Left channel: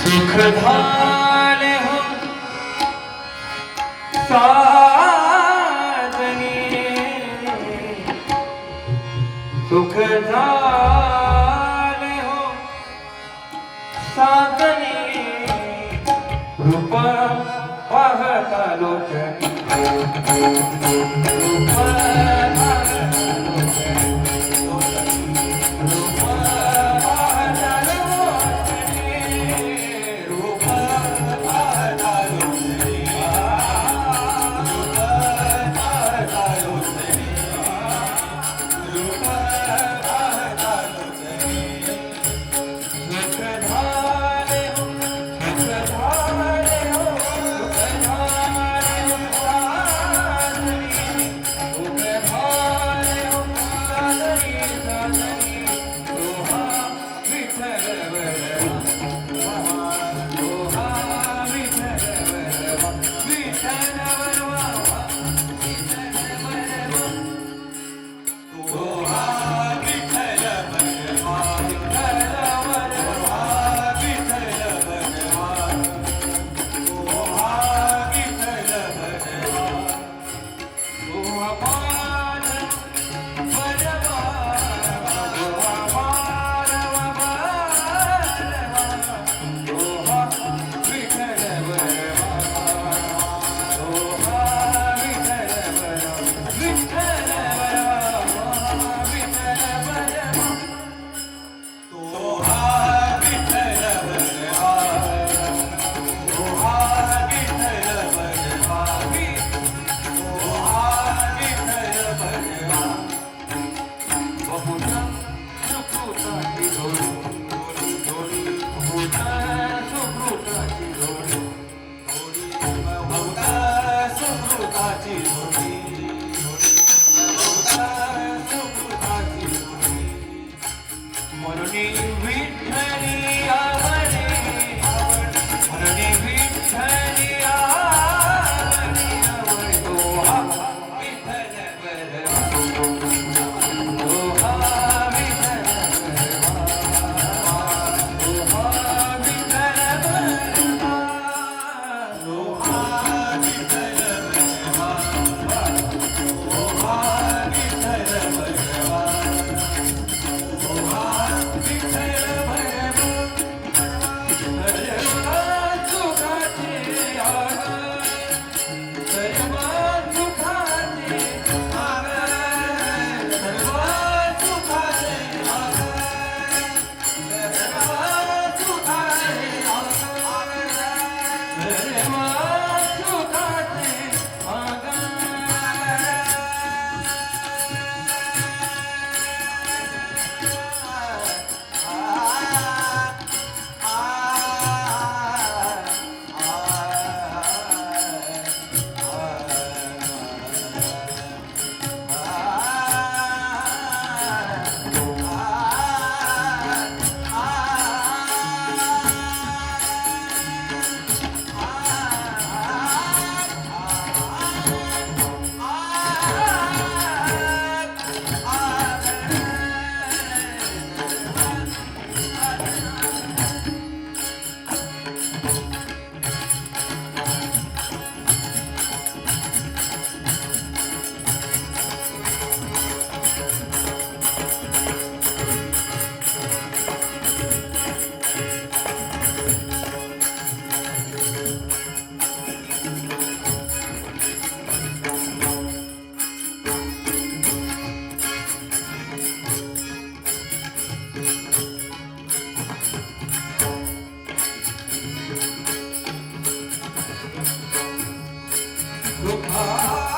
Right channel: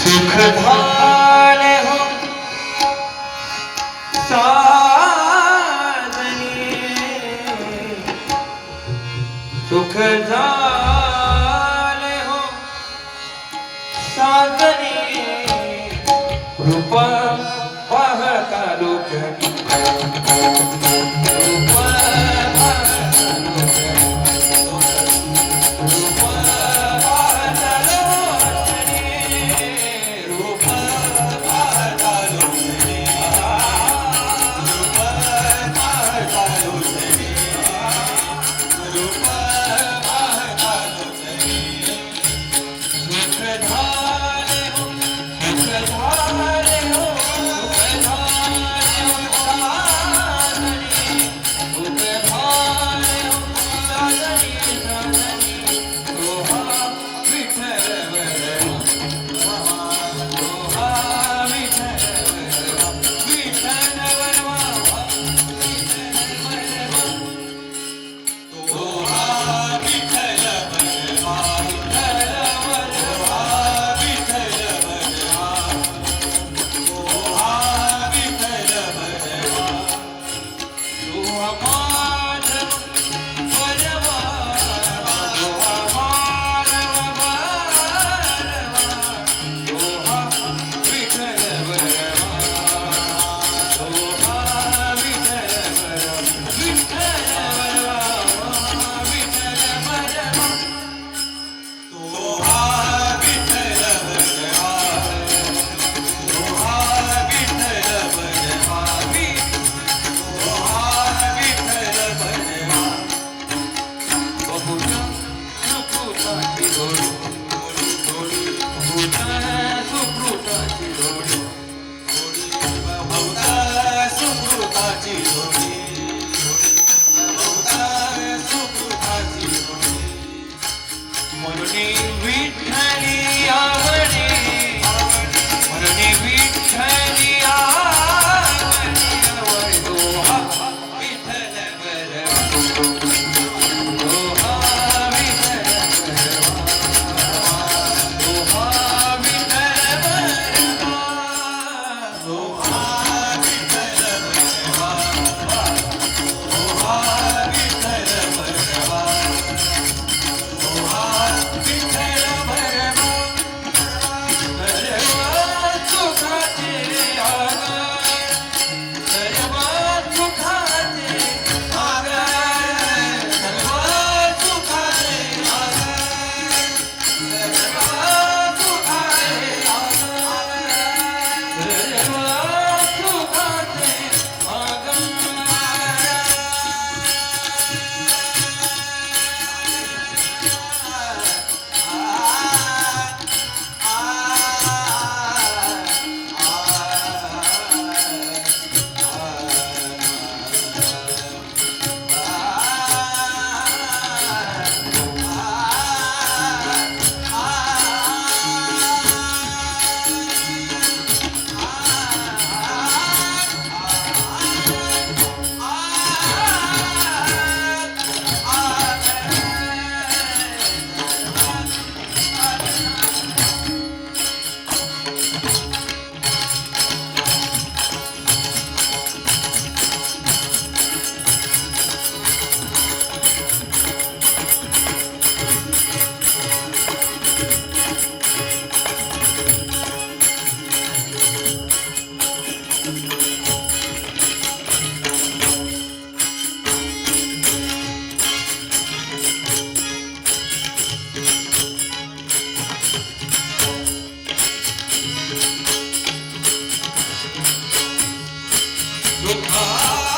सुख धान हम साजनी सुख धान Música Look high.